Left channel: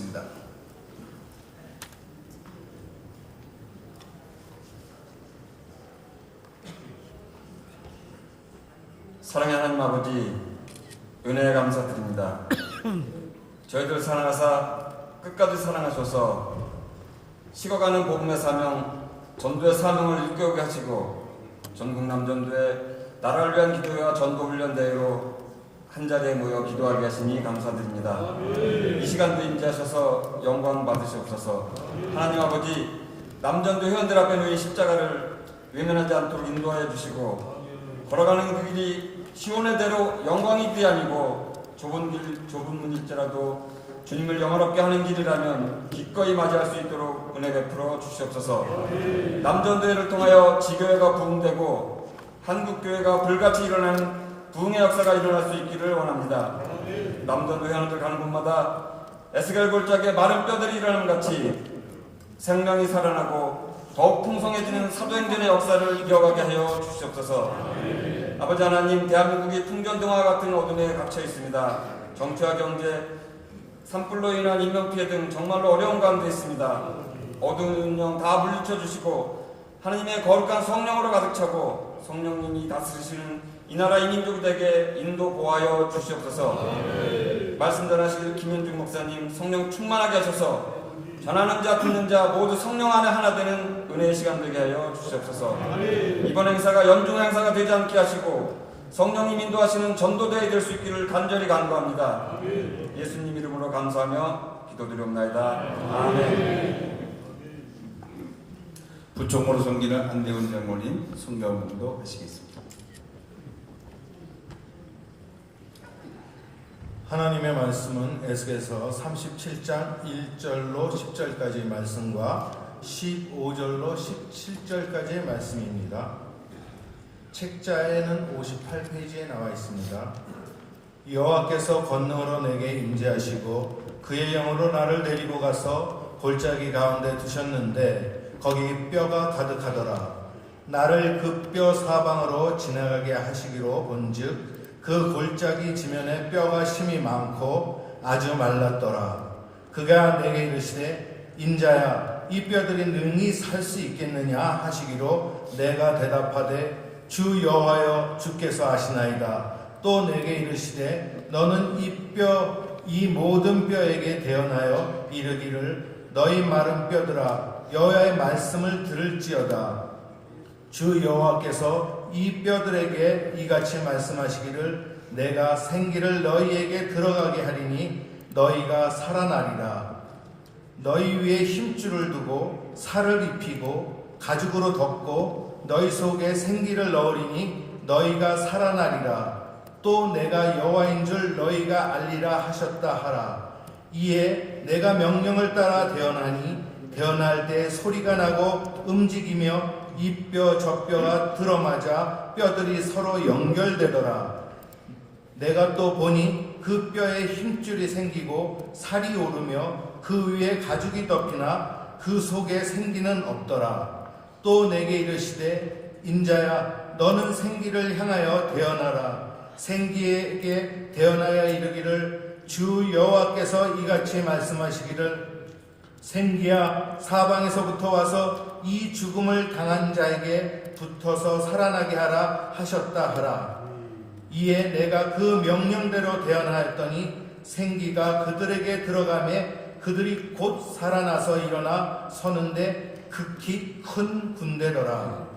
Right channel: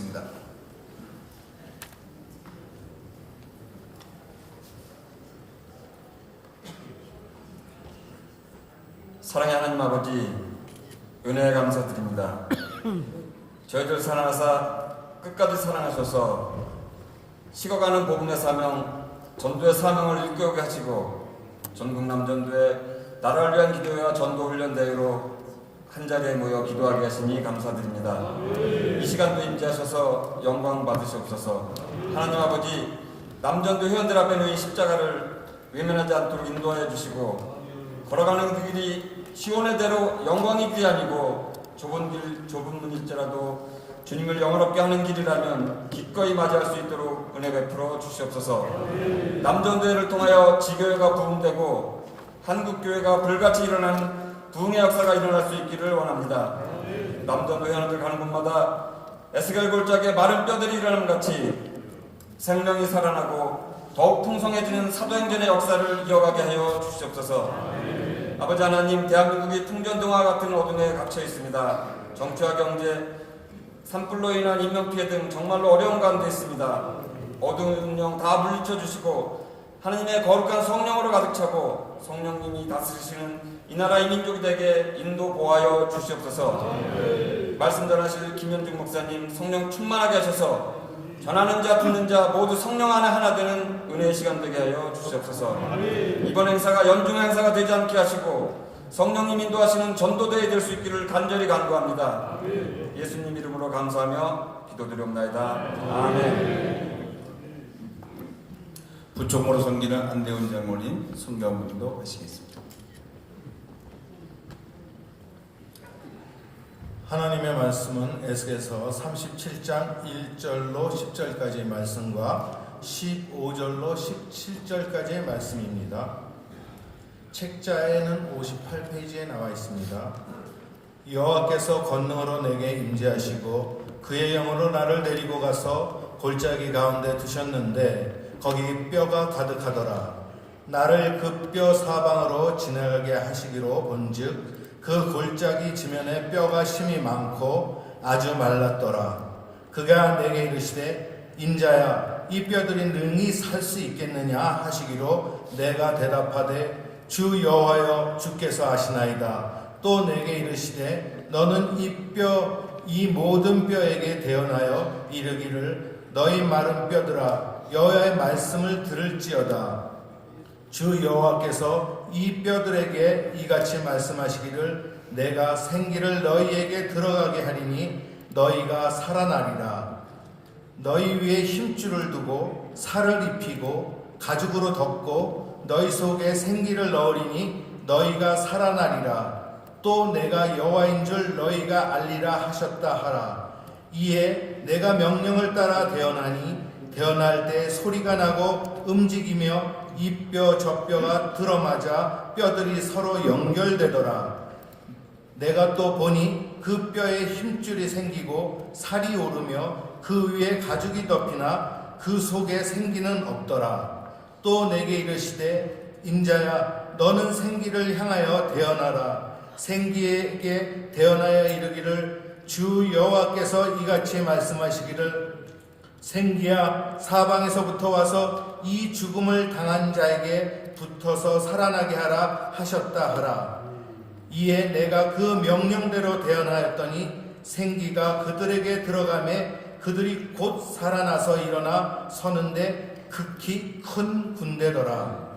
기도드리겠습니다. 사랑의 하나님 아버지, 은혜에 감사드립니다. 저희들 사랑하사 끝까지 사랑하셔서 식어가는 복음의 사명, 전도의 사명을 일깨우게 하시고 전국 남전도에 나라를 위한 기도와 전도훈련 대회로 한자리에 모여 기도하게 하시니 감사드립니다. 이 시간도 임재하셔서 영광 받으시옵소서. 하나님 아버지, 남전도 회원들 앞에 놓인 십자가를 외면하지 않도록 인도하여 주시고 걸어가는 그 길이 시온의 대로 영광이 길이 아니고 좁은 길, 좁은 문일지라도 주님을 영화롭게 하는 길이라면 기꺼이 맞이할 수 있도록 은혜 베풀어 주시옵소서. 남전도회를 통하여 지교회가 부흥되고 한국교회가 불같이 일어나는 부흥의 역사가 일어날 수 있기를 원합니다. 남전도회 하는들 가는 곳마다 에스겔 골짜기에 마른 뼈들이 일어나는 같이 생명이 살아나고 더욱 풍성해지는 사도행전의 역사를 이어가게 하여 주시옵소서. 아버지 하나님, 대한민국이 풍전등화 같은 어둠에 갇혀 있습니다. 정치와 경제, 산불로 인한 인명피해 등 정말로 어려운 가운데 있습니다. 어두운 운명 다 물리쳐 주시고 하나님의 거룩한 성령으로 가득 차고 성령님이 다스리시는 이 나라 이 민족이 되게 인도 보하여 주시옵소서. 말씀 전하실 김현중 목사님 성령 충만하게 하셔서 전하는 자 듣는 자 모두 성령 안에 하나 되는 은혜의 시간 되게 하여 주시옵소서. 이번 행사가 연중 행사가 되지 않게 하시고 성령님 인도하시는 전도대회 될 수 있기를 간절히 간구합니다. 예수님 이름으로 감사하며 기도드리옵나이다. 아멘. 부총무로 섬기는 안대훈 장모님 성경문도 하시겠습니다. 하나님의 말씀은 에스겔서 37장 1절로 10절까지의 말씀과 15절로 17절까지의 말씀입니다. 책자에는 58페이지에 나와 있습니다. 여호와께서 권능으로 내게 임재하시고 그의 영으로 나를 데리고 가서 골짜기 가운데 두셨는데 거기 뼈가 가득하더라. 나를 그 뼈 사방으로 지나가게 하시기로 본즉 그 골짜기 지면에 뼈가 심이 많고 아주 말랐더라. 그가 내게 이르시되 인자야 이 뼈들이 능히 살 수 있겠느냐 하시기로 내가 대답하되 주 여호와여 주께서 아시나이다. 또 내게 이르시되 너는 이 모든 뼈에게 대언하여 이르기를 너희 마른 뼈들아 여호와의 말씀을 들을지어다. 주 여호와께서 이 뼈들에게 이같이 말씀하시기를 내가 생기를 너희에게 들어가게 하리니 너희가 살아나리라. 너희 위에 힘줄을 두고 살을 입히고 가죽으로 덮고 너희 속에 생기를 넣으리니 너희가 살아나리라. 또 내가 여호와인 줄 너희가 알리라 하셨다 하라. 이에 내가 명령을 따라 대언하니 대언할 때 소리가 나고 움직이며 이 뼈 저 뼈가 들어맞아 뼈들이 서로 연결되더라. 내가 또 보니 그 뼈에 힘줄이 생기고 살이 오르며 그 위에 가죽이 덮이나 그 속에 생기는 없더라. 또 내게 이르시되 인자야 너는 생기를 향하여 대언하라. 생기에게 대언하여 이르기를 주 여호와께서 이같이 말씀하시기를 생기야 사방에서부터 와서 이 죽음을 당한 자에게 붙어서 살아나게 하라 하셨다 하라. 이에 내가 그 명령대로 대언하였더니 생기가 그들에게 들어가매 그들이 곧 살아나서 일어나 서는데 극히 큰 군대더라.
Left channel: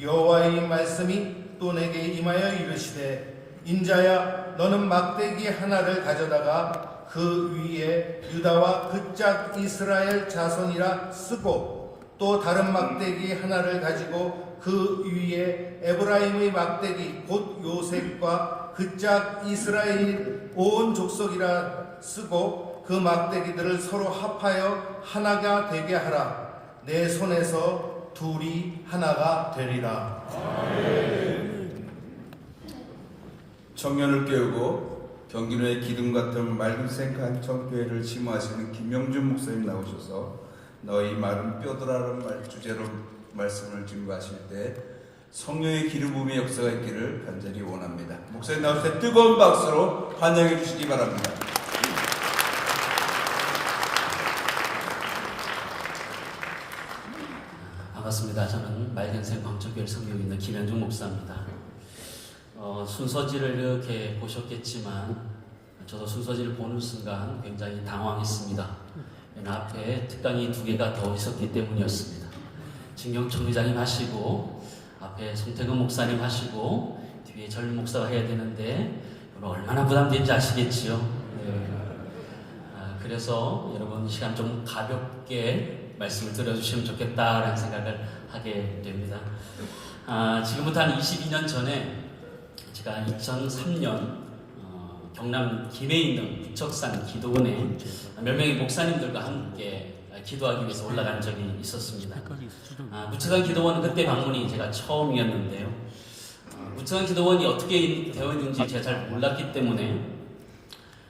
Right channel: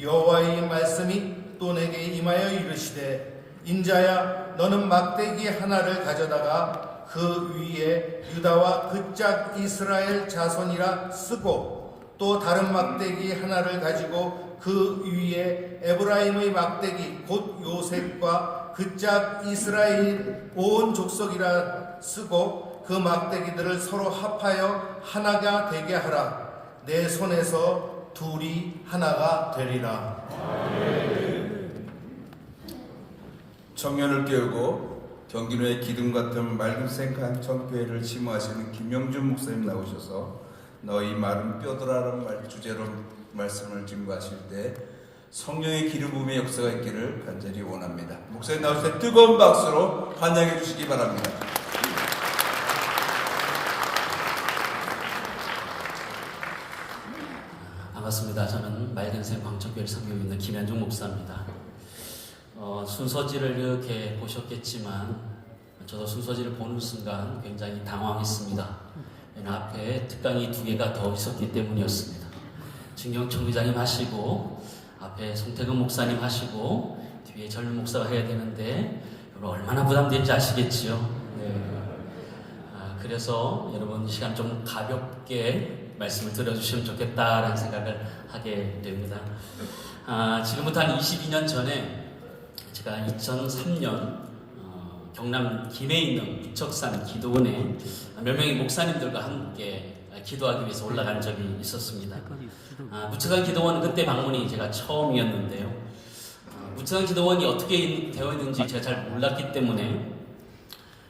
여호와의 말씀이 또 내게 임하여 이르시되 인자야 너는 막대기 하나를 가져다가 그 위에 유다와 그 짝 이스라엘 자손이라 쓰고 또 다른 막대기 하나를 가지고 그 위에 에브라임의 막대기 곧 요셉과 그 짝 이스라엘 온 족속이라 쓰고 그 막대기들을 서로 합하여 하나가 되게 하라. 내 손에서 둘이 하나가 되리라. 청년을 깨우고 경기도의 기둥 같은 맑은 생각한 청교회를 심호하시는 김영준 목사님 나오셔서 너희 마른 뼈들아라는 주제로 말씀을 증거하실 때 성령의 기름 부음의 역사가 있기를 간절히 원합니다. 목사님 나오실 때 뜨거운 박수로 환영해 주시기 바랍니다. 반갑습니다. 저는 맑은생 광천교회를 섬기고 있는 김현중 목사입니다. 순서지를 이렇게 보셨겠지만 저도 순서지를 보는 순간 굉장히 당황했습니다. 앞에 특강이 2개가 더 있었기 때문이었습니다. 진경청 회장님 하시고 앞에 송태근 목사님 하시고 뒤에 젊은 목사가 해야 되는데 여러분 얼마나 부담된지 아시겠지요? 네. 그래서 여러분 시간 좀 가볍게 말씀을 들어주시면 좋겠다라는 생각을 하게 됩니다. 지금부터 한 22년 전에 제가 2003년 경남 김해에 있는 부척산 기도원에 몇 명의 목사님들과 함께 기도하기 위해서 올라간 적이 있었습니다. 부척산 기도원 그때 방문이 제가 처음이었는데요. 부척산 기도원이 어떻게 되어 있는지 제가 잘 몰랐기 때문에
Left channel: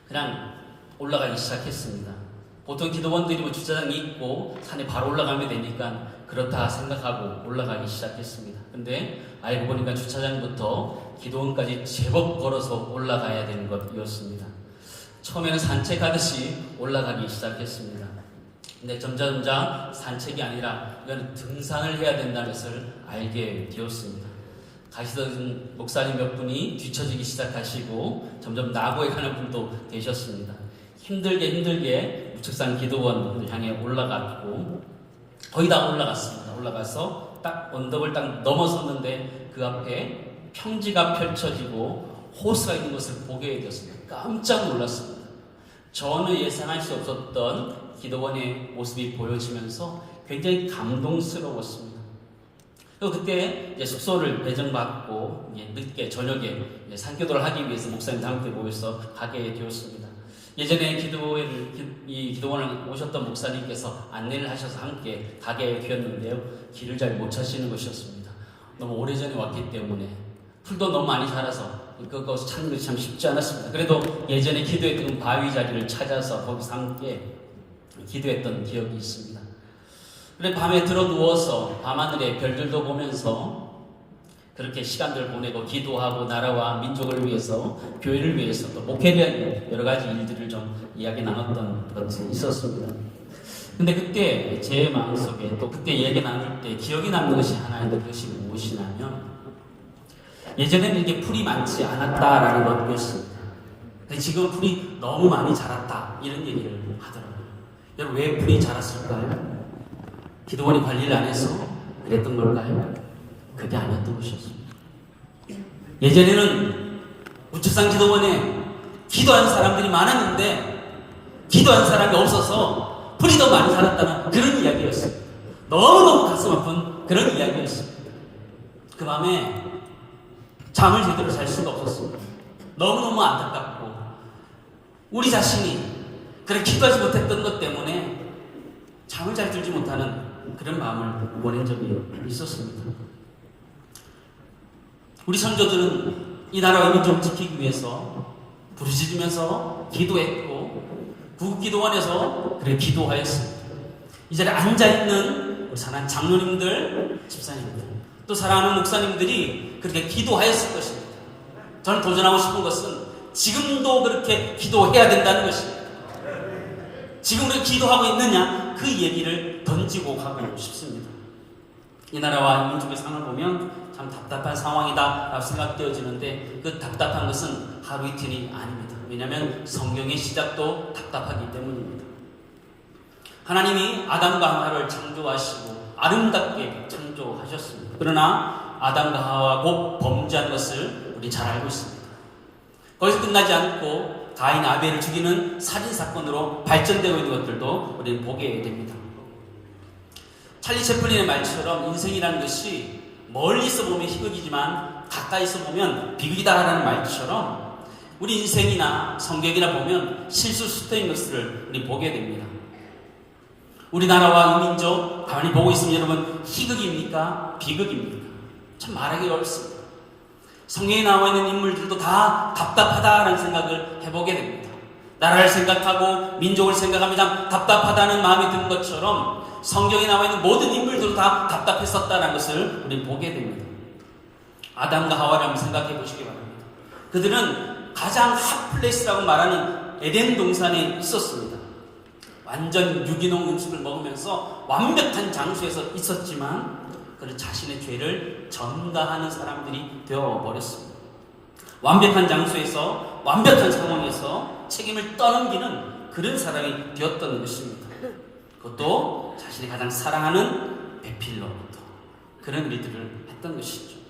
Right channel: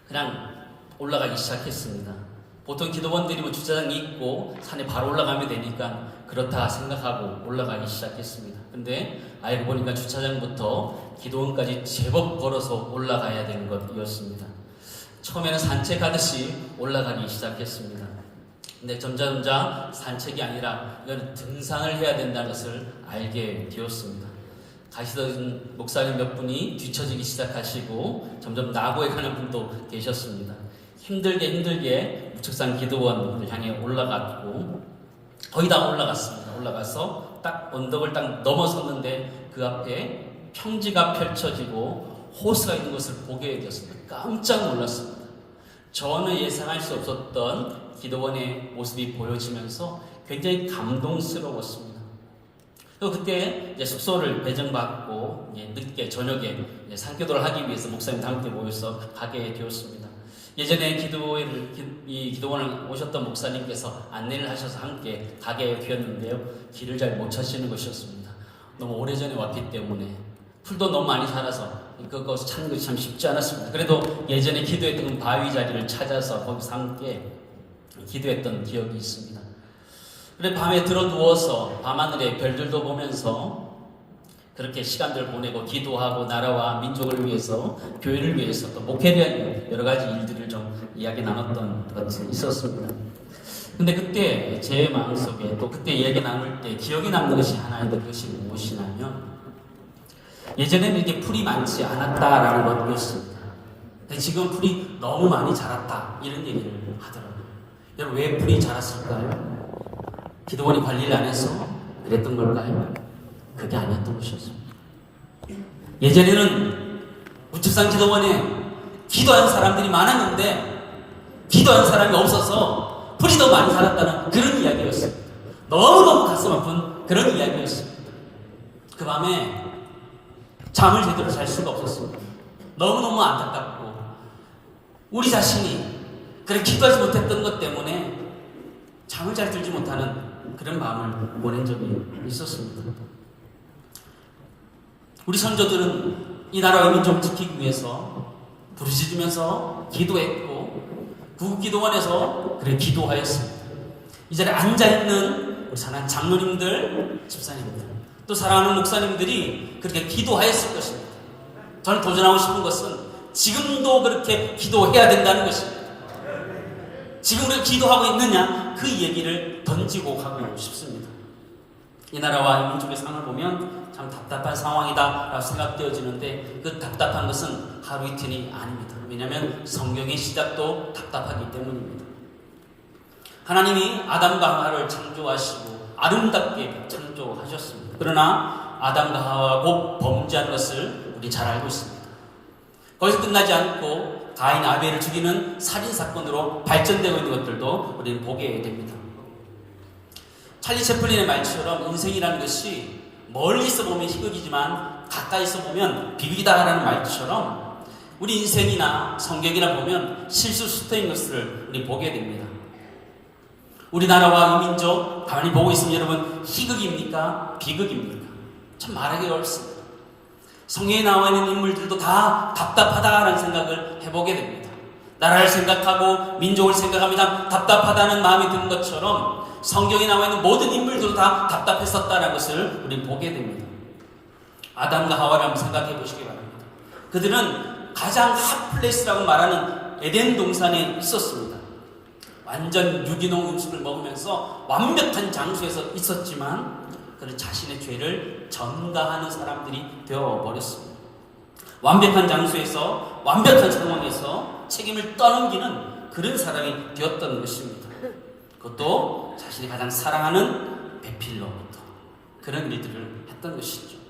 그냥 올라가기 시작했습니다. 보통 기도원들이 뭐 주차장이 있고 산에 바로 올라가면 되니까 그렇다 생각하고 올라가기 시작했습니다. 근데 알고 보니까 주차장부터 기도원까지 제법 걸어서 올라가야 되는 것이었습니다. 처음에는 산책하듯이 올라가기 시작했습니다. 근데 점점 산책이 아니라 이건 등산을 해야 된다는 것을 알게 되었습니다. 가시던 목사님 몇 분이 뒤처지기 시작하시고 점점 나고에 가는 분도 되셨습니다. 힘들게 부척산 기도원을 향해 올라갔고 거의 다 올라갔습니다. 올라가서 딱 언덕을 딱 넘어섰는데 그 앞에 평지가 펼쳐지고 호수가 있는 것을 보게 되었습니다. 깜짝 놀랐습니다. 전혀 예상할 수 없었던 기도원의 모습이 보여지면서 굉장히 감동스러웠습니다. 또 그때 이제 숙소를 배정받고 늦게 저녁에 산기도를 하기 위해서 목사님 함께 모여서 가게 되었습니다. 예전에 기도원을 오셨던 목사님께서 안내를 하셔서 함께 가게 되었는데요. 길을 잘 못 찾으시는 것이었습니다. 너무 오래전에 왔기 때문에 풀도 너무 많이 자라서 그것을 찾는 것이 참 쉽지 않았습니다. 그래도 예전에 기도했던 바위 자리를 찾아서 거기서 함께 기도했던 기억이 있습니다. 그래 밤에 들어 누워서 밤하늘에 별들도 보면서 그렇게 시간들 보내고 기도하고 나라와 민족을 위해서 교회를 위해서 또 목회에 대한 여러 가지 일들을 좀 이야기 나눴던 것이 있었습니다. 근데 그때 제 마음속에 또 그때 이야기 나눌 때 기억이 남는 것이 하나 있는데 그것이 무엇이냐면 예전에는 이렇게 풀이 많지 않았다라는 것이었습니다. 근데 지금 풀이 너무 많이 자랐다 이런 얘기를 하더라고요. 여러분 왜 풀이 자랐을까요? 기도원이 관리를 안 해서 그랬던 걸까요? 그게 아니었던 것이었습니다. 예전에는 부척산 기도원에 기도한 사람들이 많았는데 기도한 사람이 없어서 풀이 더 많이 자랐다는 그런 이야기였습니다. 너무너무 가슴 아픈 그런 이야기였습니다. 그 밤에 잠을 제대로 잘 수가 없었습니다. 너무너무 안타깝고 우리 자신이 그렇게 기도하지 못했던 것 때문에 잠을 잘 들지 못하는 그런 마음을 보낸 적이 있었습니다. 우리 선조들은 이 나라의 민족을 지키기 위해서 부르짖으면서 기도했고 구국기도원에서 그래 기도하였습니다. 이 자리에 앉아있는 우리 사랑하는 장로님들, 집사님들 또 사랑하는 목사님들이 그렇게 기도하였을 것입니다. 저는 도전하고 싶은 것은 지금도 그렇게 기도해야 된다는 것입니다. 지금 우리가 기도하고 있느냐 그 얘기를 던지고 가고 싶습니다. 이 나라와 민족의 상을 보면 참 답답한 상황이다 생각되어지는데 그 답답한 것은 하루 이틀이 아닙니다. 왜냐하면 성경의 시작도 답답하기 때문입니다. 하나님이 아담과 하와를 창조하시고 아름답게 창조하셨습니다. 그러나 아담과 하와가 곧 범죄한 것을 우리 잘 알고 있습니다. 거기서 끝나지 않고 가인 아벨을 죽이는 살인사건으로 발전되고 있는 것들도 우리는 보게 됩니다. 찰리 채플린의 말처럼 인생이라는 것이 멀리서 보면 희극이지만 가까이서 보면 비극이다라는 말처럼 우리 인생이나 성경이나 보면 실수 수터인 것을 우리 보게 됩니다. 우리나라와 이 민족 가만히 보고 있으면 여러분 희극입니까? 비극입니까? 참 말하기 어렵습니다. 성경에 나와 있는 인물들도 다 답답하다라는 생각을 해보게 됩니다. 나라를 생각하고 민족을 생각하면 참 답답하다는 마음이 든 것처럼 성경에 나와 있는 모든 인물들도 다 답답했었다는 것을 우리는 보게 됩니다. 아담과 하와를 한번 생각해 보시기 바랍니다. 그들은 가장 핫플레이스라고 말하는 에덴 동산에 있었습니다. 완전 유기농 음식을 먹으면서 완벽한 장소에서 있었지만 그는 자신의 죄를 전가하는 사람들이 되어버렸습니다. 완벽한 장소에서 완벽한 상황에서 책임을 떠넘기는 그런 사람이 되었던 것입니다. 그것도 자신이 가장 사랑하는 배필로부터 그런 일들을 했던 것이죠.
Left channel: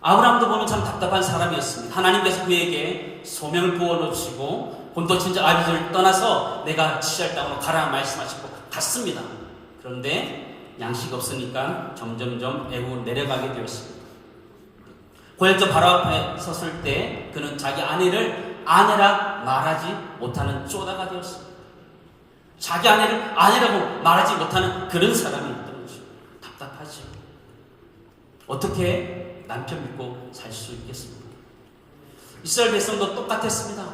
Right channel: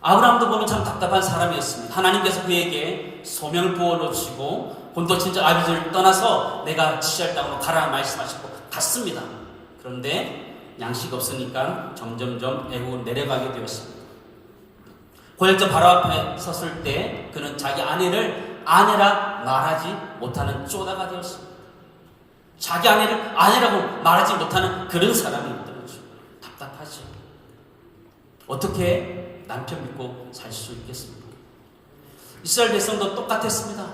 아브라함도 보면 참 답답한 사람이었습니다. 하나님께서 그에게 소명을 부어놓으시고 본토 친척 아비들을 떠나서 내가 지시할 땅으로 가라 말씀하시고 갔습니다. 그런데 양식 없으니까 점점점 애고 내려가게 되었습니다. 고혈자 바로 앞에 섰을 때 그는 자기 아내를 아내라 말하지 못하는 쪼다가 되었습니다. 자기 아내를 아내라고 말하지 못하는 그런 사람이었던 거죠. 답답하죠. 어떻게 남편 믿고 살 수 있겠습니까? 이스라엘 백성도 똑같았습니다.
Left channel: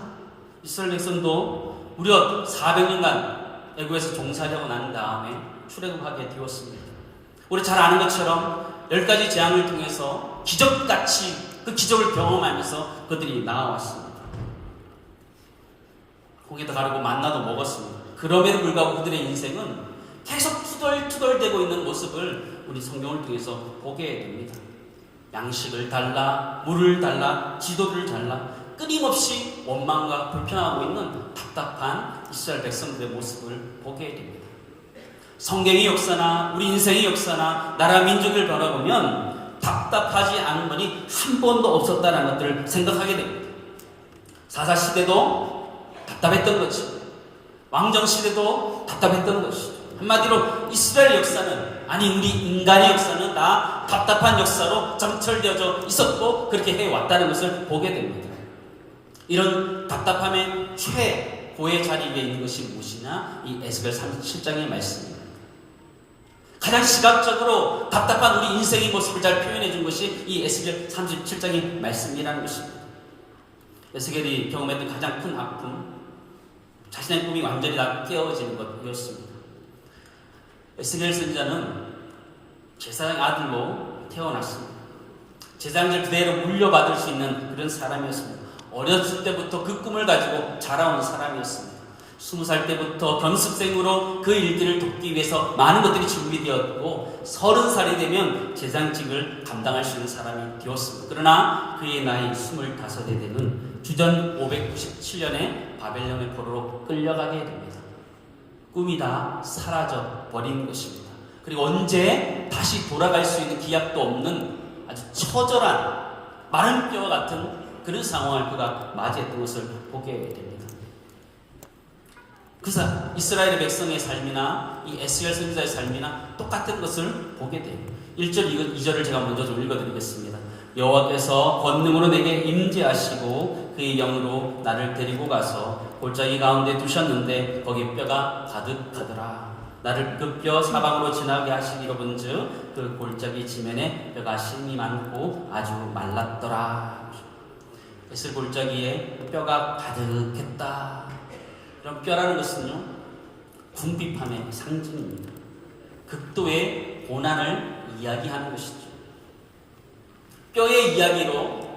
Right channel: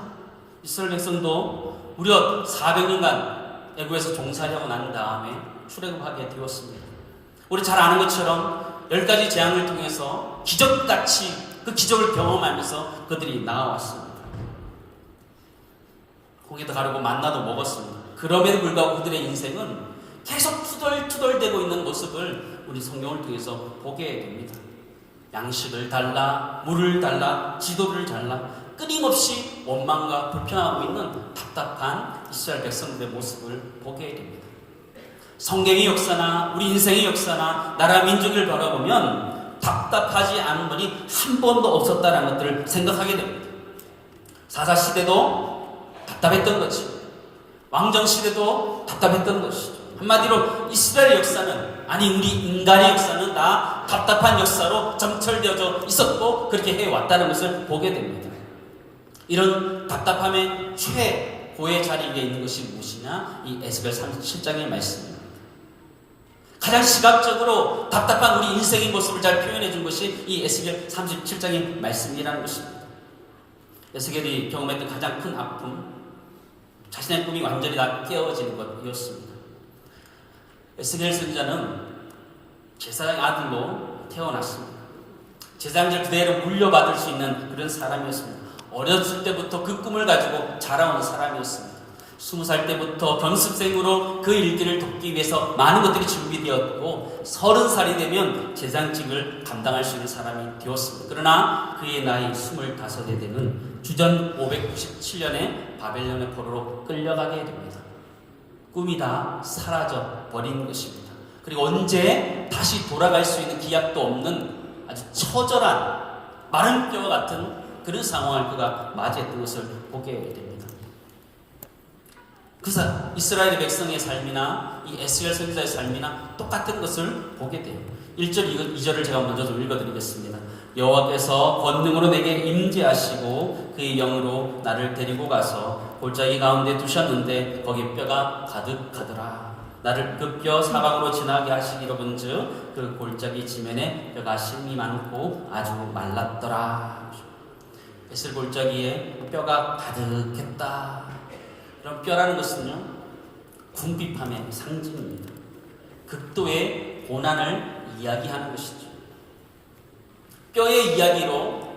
이스라엘 백성도 무려 400년간 애국에서 종살이하고 난 다음에 출애굽하게 되었습니다. 우리 잘 아는 것처럼 10가지 재앙을 통해서 기적같이 그 기적을 경험하면서 그들이 나아왔습니다. 고기도 가르고 만나도 먹었습니다. 그럼에도 불구하고 그들의 인생은 계속 투덜투덜대고 있는 모습을 우리 성경을 통해서 보게 됩니다. 양식을 달라, 물을 달라, 지도를 달라 끊임없이 원망과 불평하고 있는 답답한 이스라엘 백성들의 모습을 보게 됩니다. 성경의 역사나 우리 인생의 역사나 나라 민족을 바라보면 답답하지 않은 분이 한 번도 없었다는 것들을 생각하게 됩니다. 사사시대도 답답했던 것이, 왕정시대도 답답했던 것이, 한마디로 이스라엘 역사는, 아니 우리 인간의 역사는 다 답답한 역사로 점철되어져 있었고 그렇게 해왔다는 것을 보게 됩니다. 이런 답답함의 최고의 자리에 있는 것이 무엇이냐? 이 에스겔 37장의 말씀입니다. 가장 시각적으로 답답한 우리 인생의 모습을 잘 표현해 준 것이 이 에스겔 37장의 말씀이라는 것입니다. 에스겔이 경험했던 가장 큰 아픔, 자신의 꿈이 완전히 다 깨어지는 것이었습니다. 에스겔 선지자는 제사장 아들로 태어났습니다. 제사장제 그대로 물려받을 수 있는 그런 사람이었습니다. 어렸을 때부터 그 꿈을 가지고 자라온 사람이었습니다. 20살 때부터 견습생으로 그 일들을 돕기 위해서 많은 것들이 준비되었고 30살이 되면 제사장직을 감당할 수 있는 사람이 되었습니다. 그러나 그의 나이 25에 되는 주전 597년에 바벨론의 포로로 끌려가게 됩니다. 꿈이 다 사라져 버린 것입니다. 그리고 언제 다시 돌아갈 수 있는 기약도 없는 아주 처절한 마른 뼈 같은 그런 상황을 그가 맞이했던 것을 보게 됩니다. 이스라엘 백성의 삶이나 이 에스겔 선지자의 삶이나 똑같은 것을 보게 돼요. 1절, 2절을 제가 먼저 좀 읽어드리겠습니다. 여호와께서 권능으로 내게 임재하시고 그의 영으로 나를 데리고 가서 골짜기 가운데 두셨는데 거기 뼈가 가득하더라. 나를 그 뼈 사방으로 지나게 하시기로 본즉 그 골짜기 지면에 뼈가 심이 많고 아주 말랐더라. 에스겔 골짜기에 뼈가 가득했다. 그럼 뼈라는 것은요, 궁핍함의 상징입니다. 극도의 고난을 이야기하는 것이죠. 뼈의 이야기로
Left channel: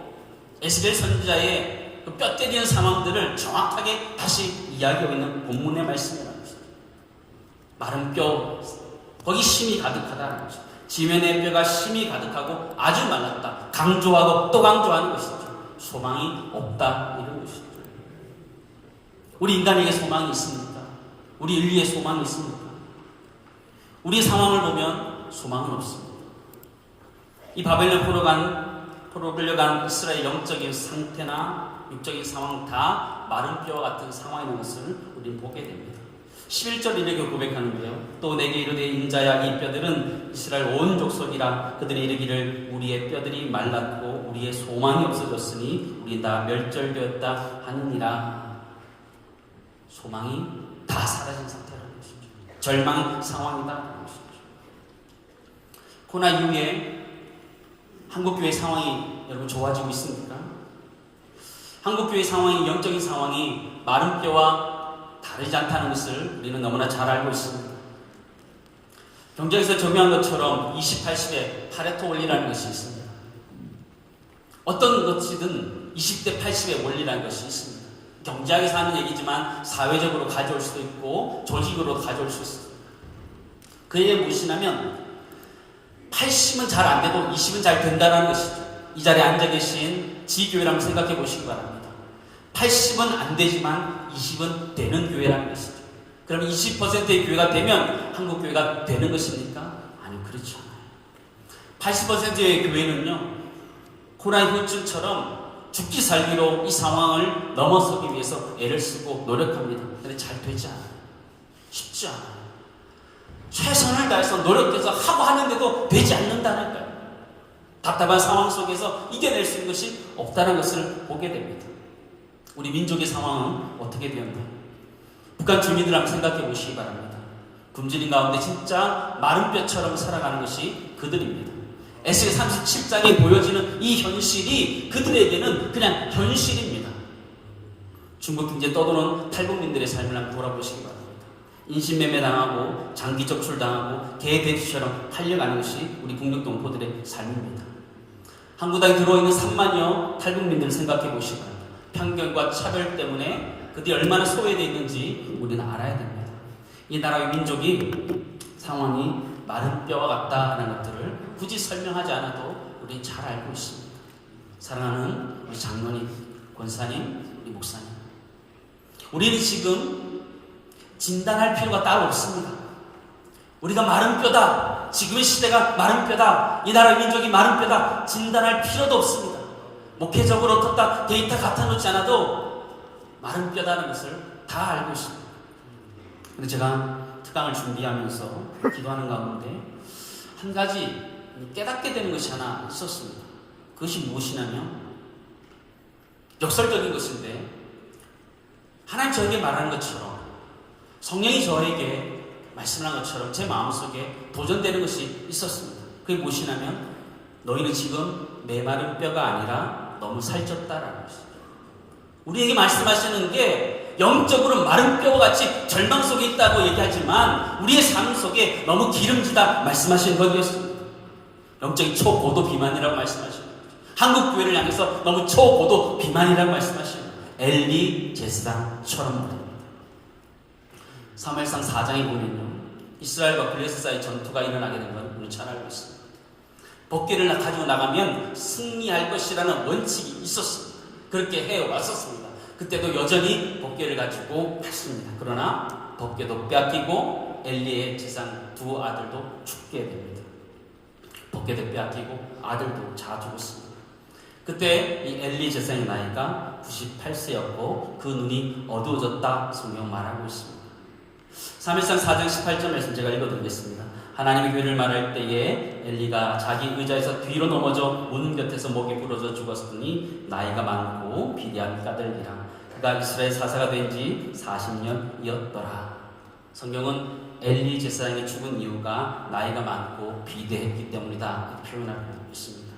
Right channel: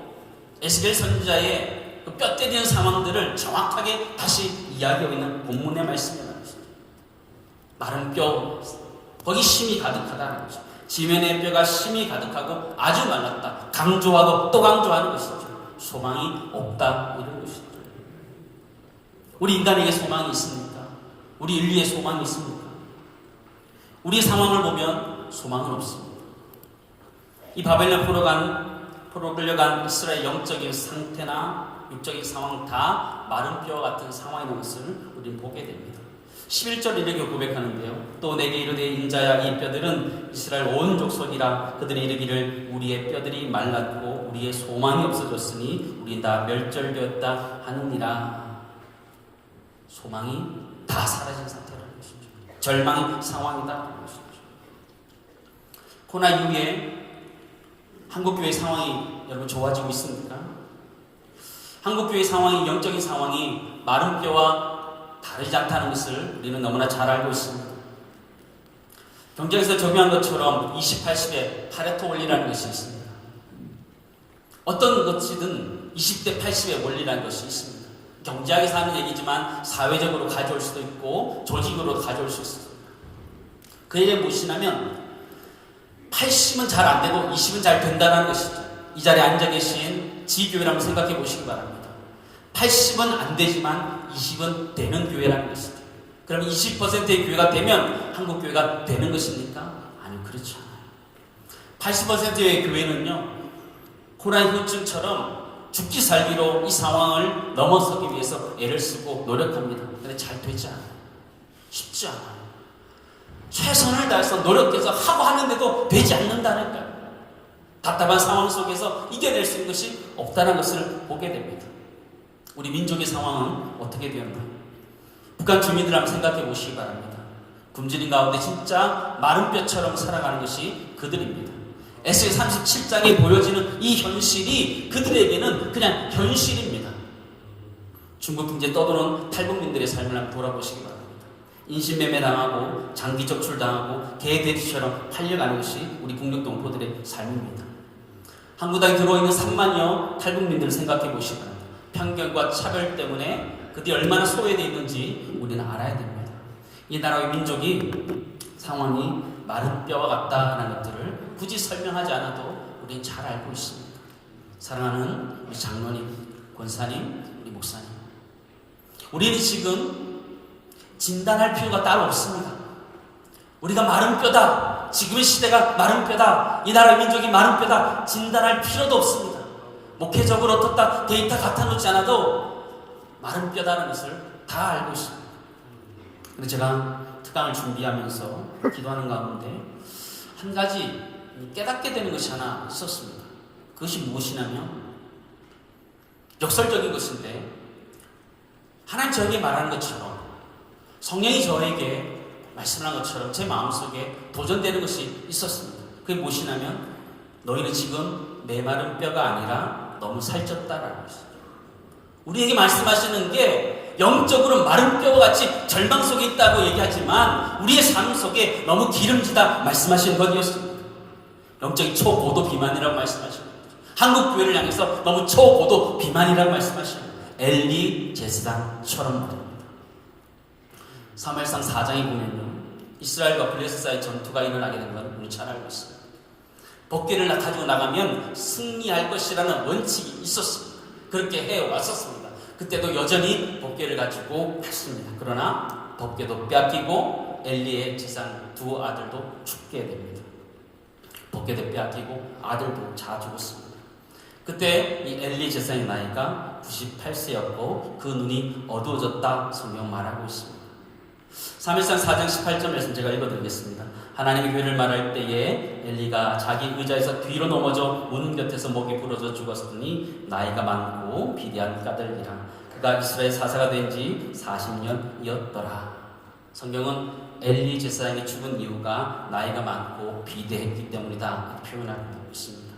에스겔 선지자의 그 뼈 때리는 상황들을 정확하게 다시 이야기하고 있는 본문의 말씀이라는 것이죠. 마른 뼈, 거기 심이 가득하다는 것이죠. 지면의 뼈가 심이 가득하고 아주 말랐다. 강조하고 또 강조하는 것이죠. 소망이 없다, 이런 것이죠. 우리 인간에게 소망이 있습니까? 우리 인류에 소망이 있습니까? 우리 상황을 보면 소망은 없습니다. 이 바벨론 포로 끌려간 이스라엘 영적인 상태나 육적인 상황 다 마른 뼈와 같은 상황이라는 것을 우리는 보게 됩니다. 11절 이렇게 고백하는데요. 또 내게 이르되 인자야 이 뼈들은 이스라엘 온 족속이라. 그들이 이르기를 우리의 뼈들이 말랐고 우리의 소망이 없어졌으니 우리 다 멸절되었다 하느니라. 소망이 다 사라진 상태라는 것이죠. 절망의 상황이다. 코로나 이후에 한국교회 상황이 여러분 좋아지고 있습니까? 한국교회 상황이, 영적인 상황이 마른 뼈와 다르지 않다는 것을 우리는 너무나 잘 알고 있습니다. 경제에서 적용한 것처럼 20-80의 파레토 원리라는 것이 있습니다. 어떤 것이든 20대 80의 원리라는 것이 있습니다. 경제학에서 하는 얘기지만 사회적으로 가져올 수도 있고 조직으로 가져올 수 있습니다. 그 얘기 무엇이냐면 80은 잘 안 되고 20은 잘 된다는 것이죠. 이 자리에 앉아 계신 지교회를 한번 생각해 보시기 바랍니다. 80은 안 되지만 20은 되는 교회라는 것이죠. 그럼 20%의 교회가 되면 한국 교회가 되는 것입니까? 아니, 그렇지 않아요. 80%의 교회는요, 코로나 후유증처럼 죽기 살기로 이 상황을 넘어서기 위해서 애를 쓰고 노력합니다. 근데 잘 되지 않아요. 쉽지 않아요. 최선을 다해서 노력해서 하고 하는데도 되지 않는다니까요. 답답한 상황 속에서 이겨낼 수 있는 것이 없다는 것을 보게 됩니다. 우리 민족의 상황은 어떻게 되었나? 북한 주민들 한번 생각해 보시기 바랍니다. 굶주린 가운데 진짜 마른 뼈처럼 살아가는 것이 그들입니다. 에스겔 37장에 보여지는 이 현실이 그들에게는 그냥 현실입니다. 중국 경제 떠도는 탈북민들의 삶을 한번 돌아보시기 바랍니다. 인신매매 당하고 장기 적출 당하고 개돼지처럼 팔려가는 것이 우리 국력 동포들의 삶입니다. 한국 땅에 들어있는 3만여 탈북민들을 생각해 보시기 바랍니다. 편견과 차별 때문에 그들이 얼마나 소외되어 있는지 우리는 알아야 됩니다. 이 나라의 민족이 상황이 마른 뼈와 같다는 것들을 굳이 설명하지 않아도 우리는 잘 알고 있습니다. 사랑하는 우리 장로님, 권사님, 우리 목사님, 우리는 지금 진단할 필요가 따로 없습니다. 우리가 마른 뼈다, 지금의 시대가 마른 뼈다, 이 나라의 민족이 마른 뼈다 진단할 필요도 없습니다. 목회적으로 어떻다 데이터 갖다 놓지 않아도 마른 뼈다는 것을 다 알고 있습니다. 근데 제가 특강을 준비하면서 기도하는 가운데 한 가지 깨닫게 되는 것이 하나 있었습니다. 그것이 무엇이냐면 역설적인 것인데 하나님 저에게 말하는 것처럼 성령이 저에게 말씀한 것처럼 제 마음속에 도전되는 것이 있었습니다. 그게 무엇이냐면 너희는 지금 메마른 뼈가 아니라 너무 살쪘다라는 것이죠. 우리에게 말씀하시는 게 영적으로 마른 뼈와 같이 절망 속에 있다고 얘기하지만 우리의 삶 속에 너무 기름지다 말씀하시는 것이었습니다. 영적인 초고도 비만이라고 말씀하십니다. 한국 교회를 향해서 너무 초고도 비만이라고 말씀하십니다. 엘리 제사장처럼 말입니다. 사무엘상 4장에 보면요, 이스라엘과 블레셋 사이 전투가 일어나게 된 건 우리 잘 알고 있습니다. 법궤를 가지고 나가면 승리할 것이라는 원칙이 있었습니다. 그렇게 해왔었습니다. 그때도 여전히 법궤를 가지고 갔습니다. 그러나 법궤도 빼앗기고 엘리의 제사장 두 아들도 죽게 됩니다. 법궤도 빼앗기고 아들도 다 죽었습니다. 그때 이 엘리 제사장의 나이가 98세였고 그 눈이 어두워졌다 성경 말하고 있습니다. 사무엘상 4장 18절 말씀 제가 읽어드리겠습니다. 하나님의 교회를 말할 때에 엘리가 자기 의자에서 뒤로 넘어져 문 곁에서 목이 부러져 죽었으니 나이가 많고 비대한 까닭이라. 그가 이스라엘 사사가 된 지 40년이었더라. 성경은 엘리 제사장이 죽은 이유가 나이가 많고 비대했기 때문이다 표현하고 있습니다.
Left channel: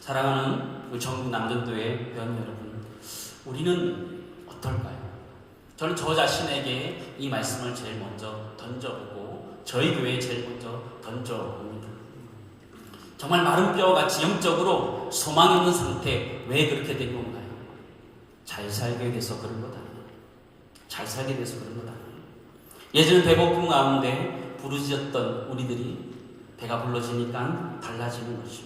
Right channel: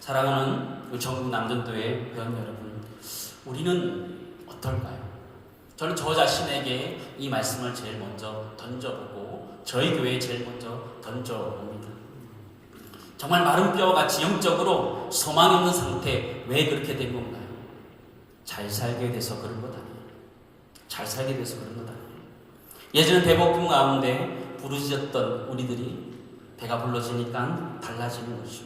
사랑하는 우리 전국 남전도회 회원 여러분, 우리는 어떨까요? 저는 저 자신에게 이 말씀을 제일 먼저 던져보고 저희 교회에 제일 먼저 던져봅니다. 정말 마른 뼈와 같이 영적으로 소망이 없는 상태, 왜 그렇게 된 건가요? 잘 살게 돼서 그런 것 아니에요. 잘 살게 돼서 그런 것 아니에요. 예전에 배고픔 가운데 부르짖었던 우리들이 배가 불러지니까 달라지는 것이죠.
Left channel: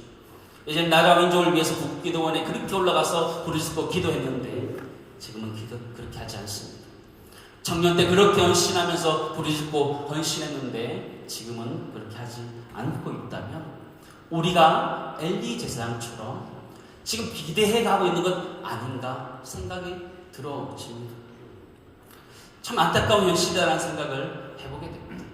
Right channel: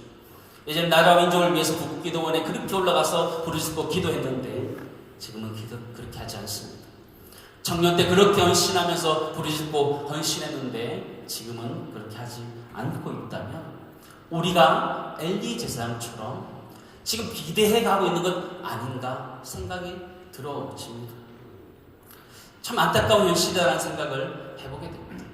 예전에 나라와 민족을 위해서 국기도원에 그렇게 올라가서 부르짖고 기도했는데 지금은 그렇게 하지 않습니다. 청년 때 그렇게 헌신하면서 부르짖고 헌신했는데 지금은 그렇게 하지 않고 있다면 우리가 엘리 제사장처럼 지금 비대해 가고 있는 것 아닌가 생각이 들어집니다. 참 안타까운 현실이라는 생각을 해보게 됩니다.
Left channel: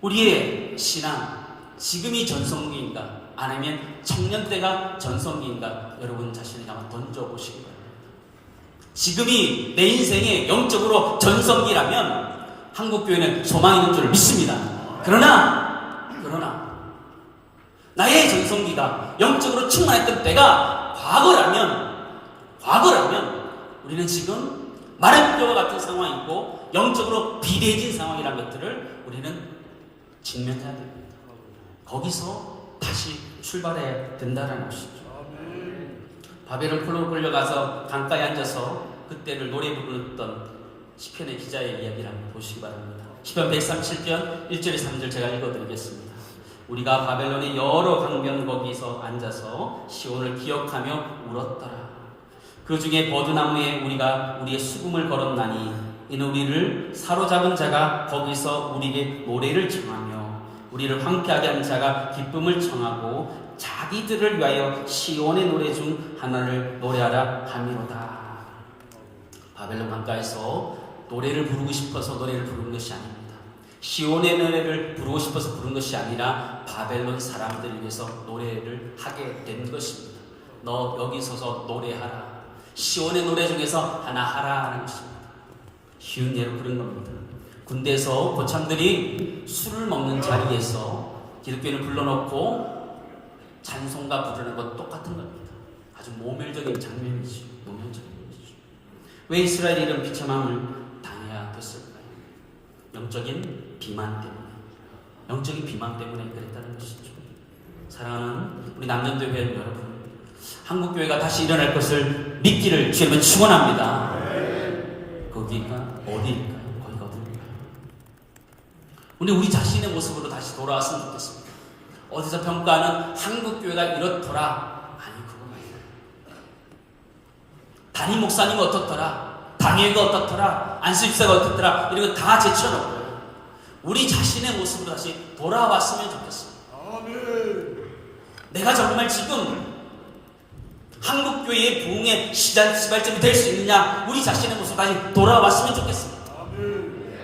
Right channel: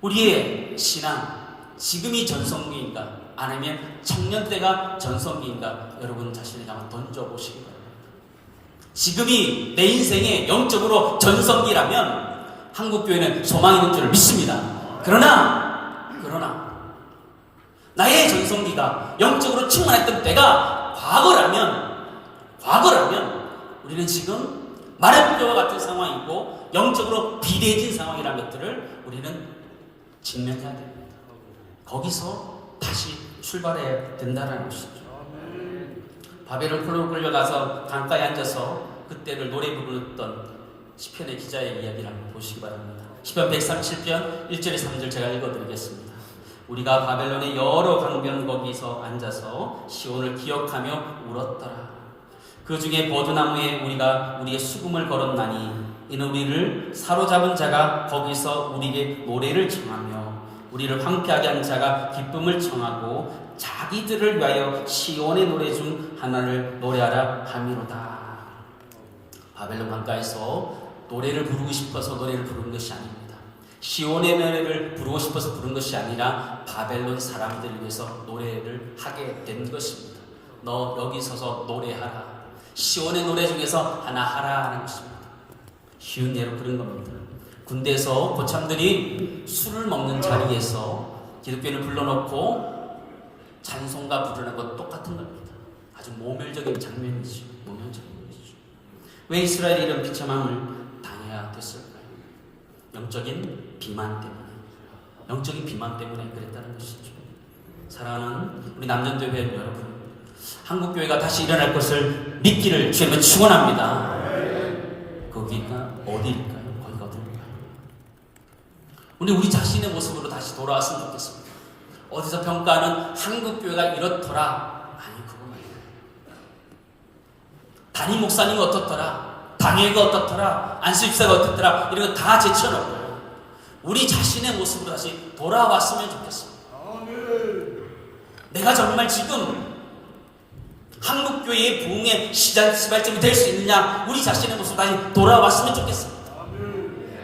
우리의 신앙, 지금이 전성기인가 아니면 청년 때가 전성기인가 여러분 자신에게 한번 던져보시기 바랍니다. 지금이 내 인생의 영적으로 전성기라면 한국교회는 소망이 있는 줄 믿습니다. 그러나 나의 전성기가 영적으로 충만했던 때가 과거라면 우리는 지금 마른 뼈와 같은 상황이고 영적으로 비대해진 상황이라는 것들을 우리는 직면해야 됩니다. 거기서 다시 출발해야 된다는 것이죠. 바벨론 포로로 끌려가서 강가에 앉아서 그때를 노래 부르던 시편의 기자의 이야기를 한번 보시기 바랍니다. 시편 137편 1절에 3절 제가 읽어드리겠습니다. 우리가 바벨론의 여러 강변 거기서 앉아서 시온을 기억하며 울었더라. 그 중에 버드나무에 우리가 우리의 수금을 걸었나니 이는 우리를 사로잡은 자가 거기서 우리에게 노래를 청하며 우리를 황폐하게 한 자가 기쁨을 청하고 자기들을 위하여 시온의 노래 중 하나를 노래하라 함이로다. 바벨론 강가에서 노래를 부르고 싶어서 노래를 부르는 것이 아닙니다. 시온의 노래를 부르고 싶어서 부른 것이 아니라 바벨론 사람들을 위해서 노래를 하게 된 것입니다. 너 여기 서서 노래하라. 시온의 노래 중에서 하나 하라 하는 것입니다. 쉬운 예로 그런 겁니다. 군대에서 고참들이 술을 먹는 자리에서 기독교인을 불러놓고 찬송가 부르는 것 똑같은 겁니다. 아주 모멸적인 장면이죠. 모멸적인 것이죠. 왜 이스라엘이 이런 비참함을 당해야 됐을까요? 영적인 비만 때문에. 영적인 비만 때문에 그랬다는 것이죠. 사랑하는 우리 남전교회 여러분, 한국교회가 다시 일어날 것을 믿기를 주님은 축원합니다. 거기가 어디일까요? 거기가 어디일까요? 우리 자신의 모습으로 다시 돌아왔으면 좋겠습니다. 어디서 평가하는 한국교회가 이렇더라. 아니, 그거 말이에요. 담임 목사님은 어떻더라. 당회가 어떻더라. 안수집사가 어떻더라. 이런 거 다 제쳐놓고요. 우리 자신의 모습으로 다시 돌아왔으면 좋겠습니다. 내가 정말 지금 한국교회의 부흥의 시발점이 될 수 있느냐, 우리 자신의 모습 다시 돌아왔으면 좋겠습니다.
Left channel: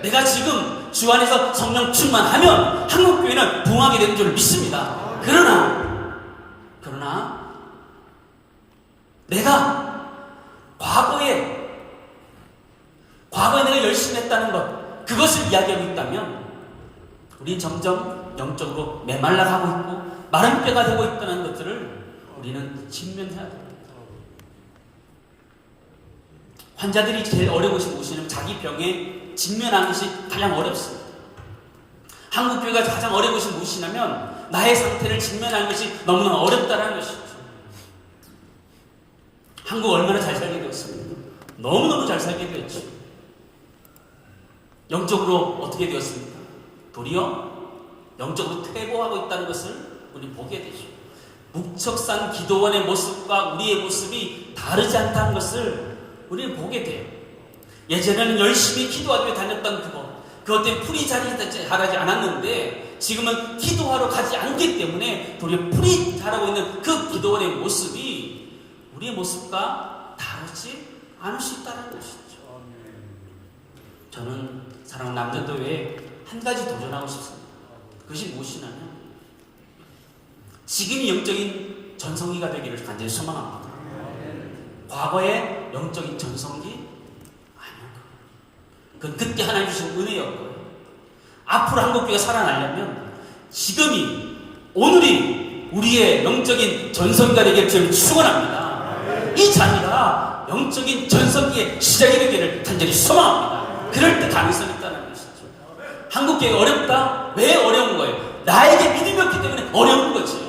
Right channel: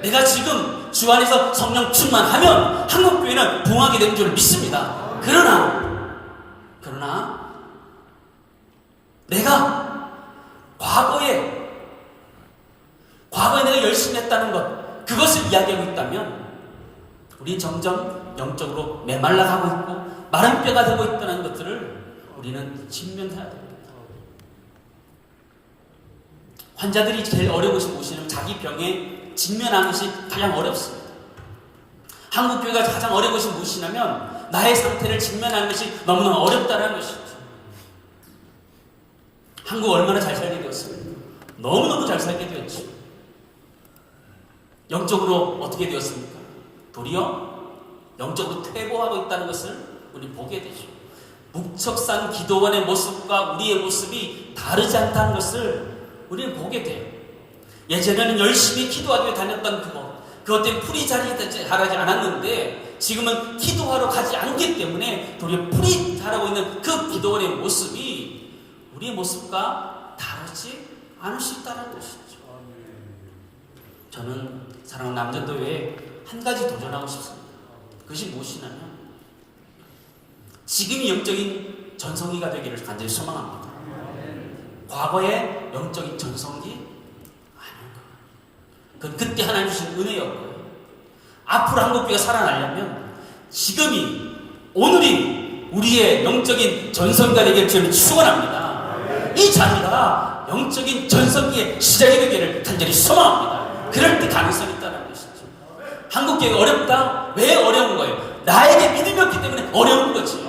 내가 지금 주 안에서 성령 충만하면 한국교회는 부흥하게 되는 줄 믿습니다. 그러나 내가 과거에 내가 열심히 했다는 것, 그것을 이야기하고 있다면 우리는 점점 영적으로 메말라가고 있고 마른 뼈가 되고 있다는 것들을 우리는 직면해야 됩니다. 환자들이 제일 어려우신 곳이는 자기 병에 직면하는 것이 가장 어렵습니다. 한국교회가 가장 어려운 것이 무엇이냐면 나의 상태를 직면하는 것이 너무나 어렵다는 것이죠. 한국 얼마나 잘 살게 되었습니까? 너무너무 잘 살게 되었죠. 영적으로 어떻게 되었습니까? 도리어 영적으로 퇴보하고 있다는 것을 우리는 보게 되죠. 묵척산 기도원의 모습과 우리의 모습이 다르지 않다는 것을 우리는 보게 돼요. 예전에는 열심히 기도하러 다녔던 그것 때문에 풀이 자라지 않았는데 지금은 기도하러 가지 않기 때문에 도리어 풀이 자라고 있는 그 기도원의 모습이 우리의 모습과 다르지 않을 수 있다는 것이죠. 저는 사랑하는 남전도회에 한 가지 도전하고 싶습니다. 그것이 무엇이냐면 지금이 영적인 전성기가 되기를 간절히 소망합니다. 과거의 영적인 전성기? 아닙니다. 그건 그때 하나님 주신 은혜였고요. 앞으로 한국교회가 살아나려면 지금이, 오늘이 우리의 영적인 전성기가 되기를 저는 축원합니다. 이 자리가 영적인 전성기의 시작이 되기를 간절히 소망합니다. 그럴 때 가능성이 있다는 것이죠. 한국교회가 어렵다? 왜 어려운 거예요? 나에게 믿음이 없기 때문에 어려운 거지.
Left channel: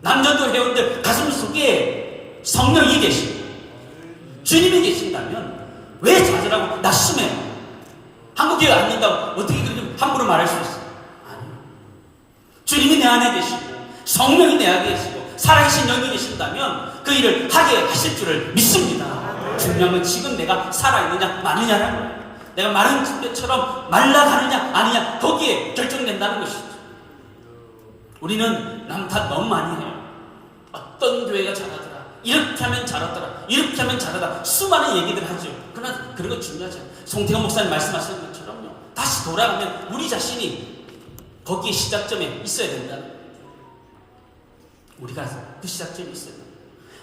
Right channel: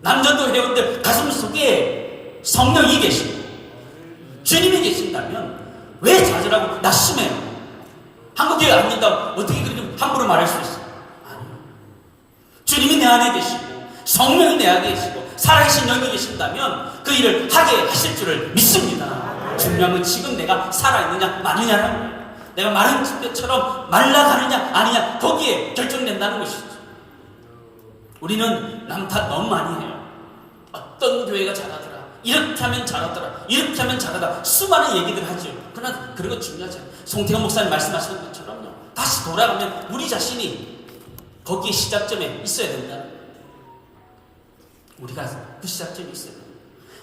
남전도 회원들 가슴 속에 성령이 계시고 주님이 계신다면 왜 좌절하고 낙심해요? 한국교회 안 믿다고 어떻게 그렇게 함부로 말할 수 있어요? 아니요. 주님이 내 안에 계시고 성령이 내 안에 계시고 살아계신 영이 계신다면 그 일을 하게 하실 줄을 믿습니다. 중요한 건 지금 내가 살아있느냐 마느냐라는 거예요. 내가 마른 집대처럼 말라가느냐 아니냐 거기에 결정된다는 것이죠. 우리는 남 탓 너무 많이 해요. 어떤 교회가 잘하더라, 이렇게 하면 잘하더라, 이렇게 하면 잘하다, 수많은 얘기들 하죠. 그러나 그러고 지나죠. 송태경 목사님 말씀하시는 것처럼요, 다시 돌아가면 우리 자신이 거기에 시작점에 있어야 된다. 우리가 그 시작점에 있어야 된다.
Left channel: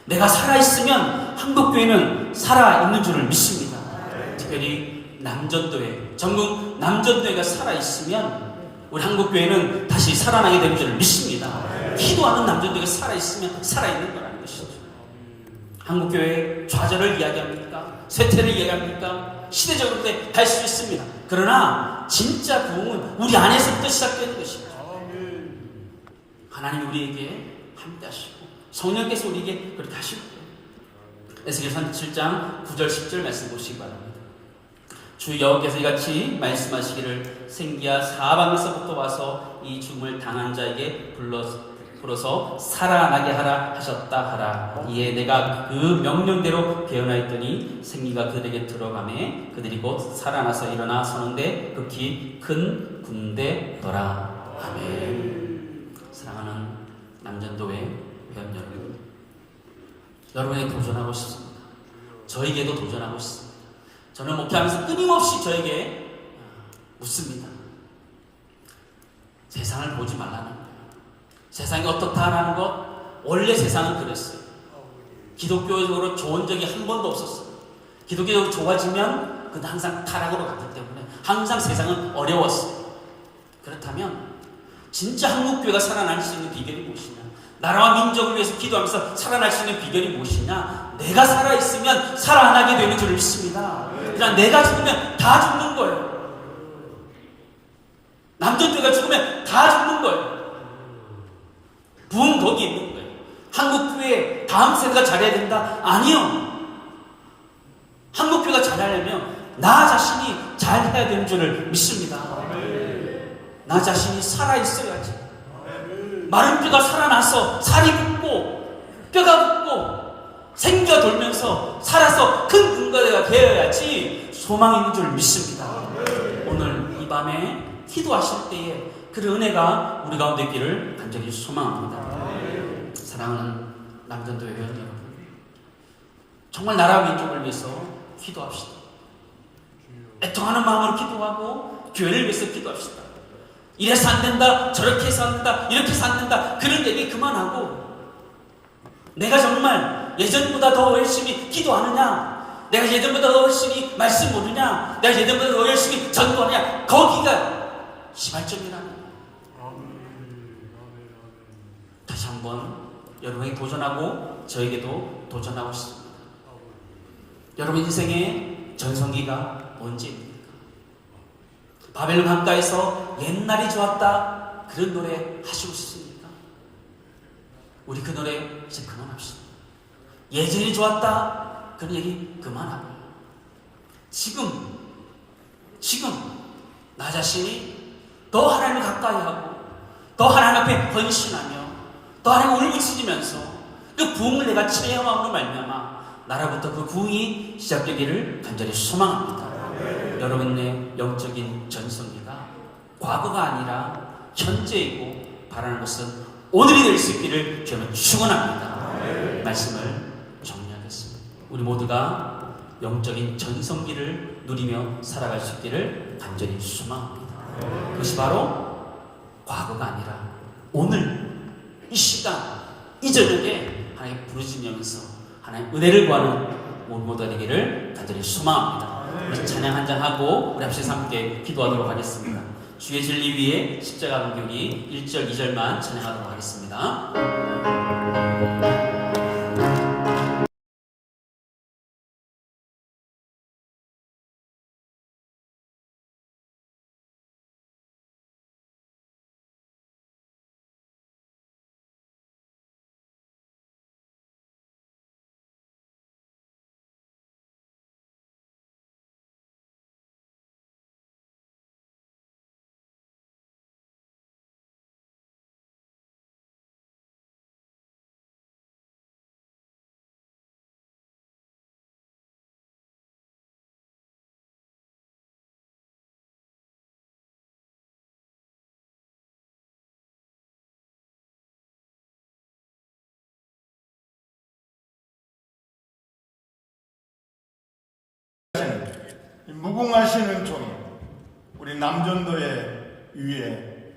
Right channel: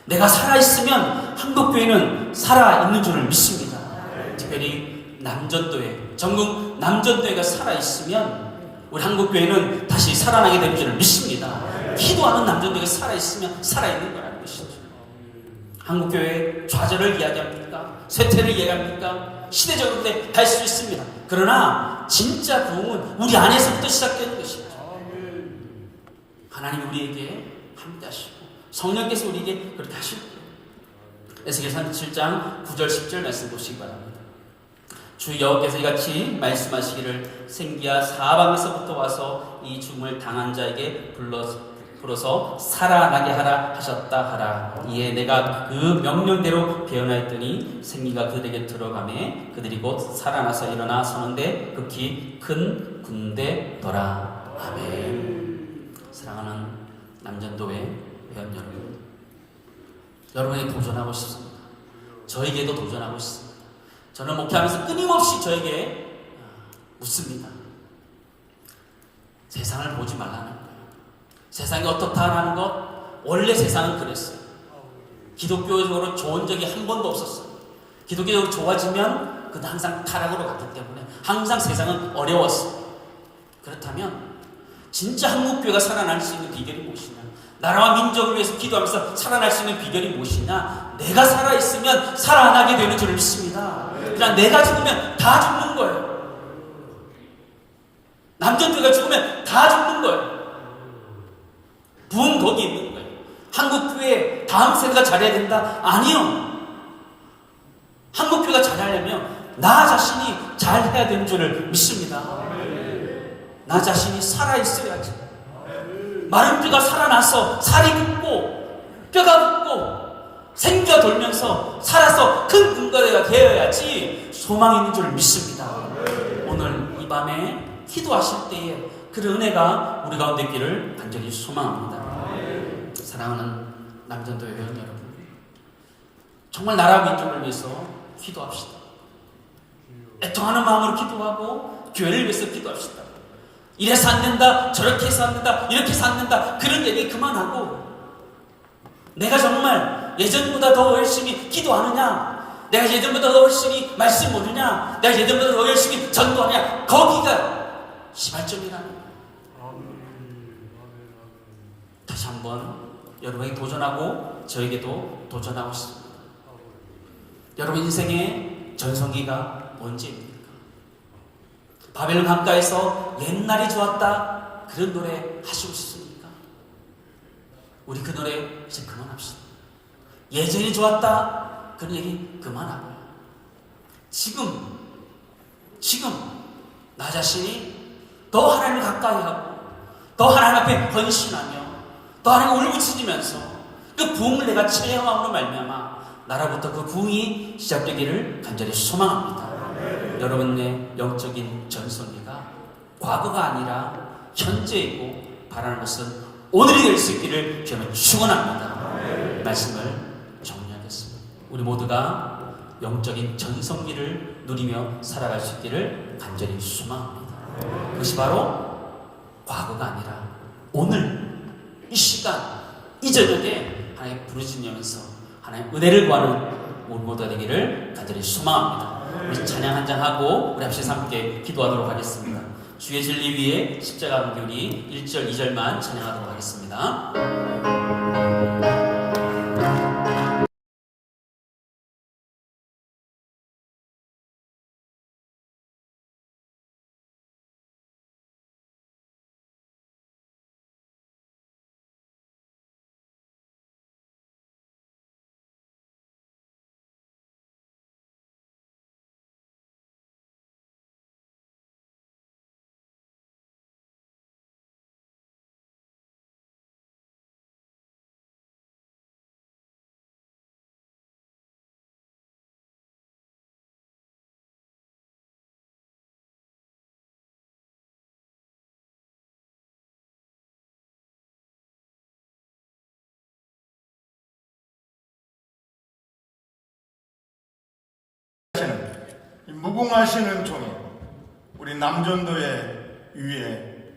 내가 살아있으면 한국교회는 살아있는 줄을 믿습니다. 특별히 남전도회, 전국 남전도회가 살아있으면 우리 한국교회는 다시 살아나게 될 줄을 믿습니다. 기도하는 남전도회가 살아있으면 살아있는 거라는 것이죠. 한국교회 좌절을 이야기합니까? 쇠퇴를 이야기합니까? 시대적으로 갈 수 있습니다. 그러나 진짜 부흥은 우리 안에서부터 시작되는 것이죠. 하나님 우리에게 함께 하시고 성령께서 우리에게 그렇게 하실 거예요. 에스겔 37장 9절 10절 말씀 보시기 바랍니다. 주 여호와께서 이같이 말씀하시기를 생기야 사방에서부터 와서 이 죽음을 당한 자에게 불어서 살아나게 하라 하셨다 하라. 이에 내가 그 명령대로 개헌하였더니 생기가 그들에게 들어가매 그들이 곧 살아나서 일어나 서는데 극히 큰 군대더라. 아멘. 사랑하는 남전도회 회원 여러분, 여러분에게 도전하고 싶습니다. 저에게도 도전하고 싶습니다. 저는 목회하면서 끊임없이 저에게 묻습니다. 세상을 보지 말라는 거예요. 세상이 어떻다라는 것, 원래 세상은 그랬어요. 기독교적으로 좋은 적이 한 번도 없었어요. 기독교적으로 좋아지면 그건 항상 타락으로 갔기 때문에 항상 세상은 어려웠어요. 그렇다면 진짜 한국교회가 살아날 수 있는 비결이 무엇이냐? 나라와 민족을 위해서 기도하면서 살아날 수 있는 비결이 무엇이냐? 내가 살아있으면 살아나게 되는 줄 믿습니다. 그냥 내가 죽으면 다 죽는 거예요. 남정교회가 죽으면 다 죽는 거예요. 부흥 거기 있는 거예요. 한국교회 다음 세대가 잘해야 된다? 아니요. 한국교회가 잘하려면 나 자신이 잘해야 되는 줄을 믿습니다. 나 자신이 살아있어야지. 마른 뼈가 살아나서 살이 붙고 뼈가 붙고 생겨 돌면서 살아서 큰 근거가 되어야지 소망이 있는 줄 믿습니다. 오늘 이 밤에 기도하실 때에 그 은혜가 우리 가운데 있기를 간절히 소망합니다. 사랑하는 남전도회 회원 여러분, 정말 나라와 민족을 위해서 기도합시다. 애통하는 마음으로 기도하고 교회를 위해서 기도합시다. 이래서 안 된다, 저렇게 해서 안 된다, 이렇게 해서 안 된다, 그런 얘기 그만하고 내가 정말 예전보다 더 열심히 기도하느냐, 내가 예전보다 더 열심히 말씀 모르냐, 내가 예전보다 더 열심히 전도하느냐, 거기가 시발점이라는 거예요. 다시 한번 여러분에게 도전하고 저에게도 도전하고 싶습니다. 여러분 인생의 전성기가 언제입니까? 바벨 강가에서 옛날이 좋았다 그런 노래 하시고 싶습니까? 우리 그 노래 이제 그만합시다. 예전이 좋았다 그런 얘기 그만하고 지금 나 자신이 더 하나님을 가까이 하고 더 하나님 앞에 헌신하며 또 하나님을 울부짖으면서 그 부흥을 내가 체험함으로 말미암아 나라부터 그 부흥이 시작되기를 간절히 소망합니다. 여러분의 영적인 전성기가 과거가 아니라 현재이고 바라는 것은 오늘이 될 수 있기를 저는 축원합니다. 말씀을 정리하겠습니다. 우리 모두가 영적인 전성기를 누리며 살아갈 수 있기를 간절히 소망합니다. 그것이 바로 과거가 아니라 오늘 이 시간, 이 저녁에 하나님 부르짖으면서 하나님 은혜를 구하는 모두가 되기를 간절히 소망합니다. 우리 찬양 한장 하고 우리 합심해서 함께 기도하도록 하겠습니다. 주의 진리 위에 십자가 간격이 1절, 2절만 찬양하도록 하겠습니다. 이 무궁하시는 종이 우리 남전도의 위에,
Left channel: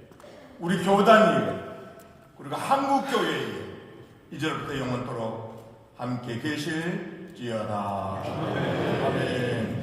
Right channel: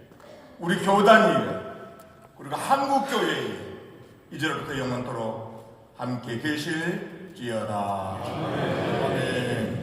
우리 교단 위에, 그리고 한국교회 위에 이제부터 영원토록 함께 계실지어다. 아멘.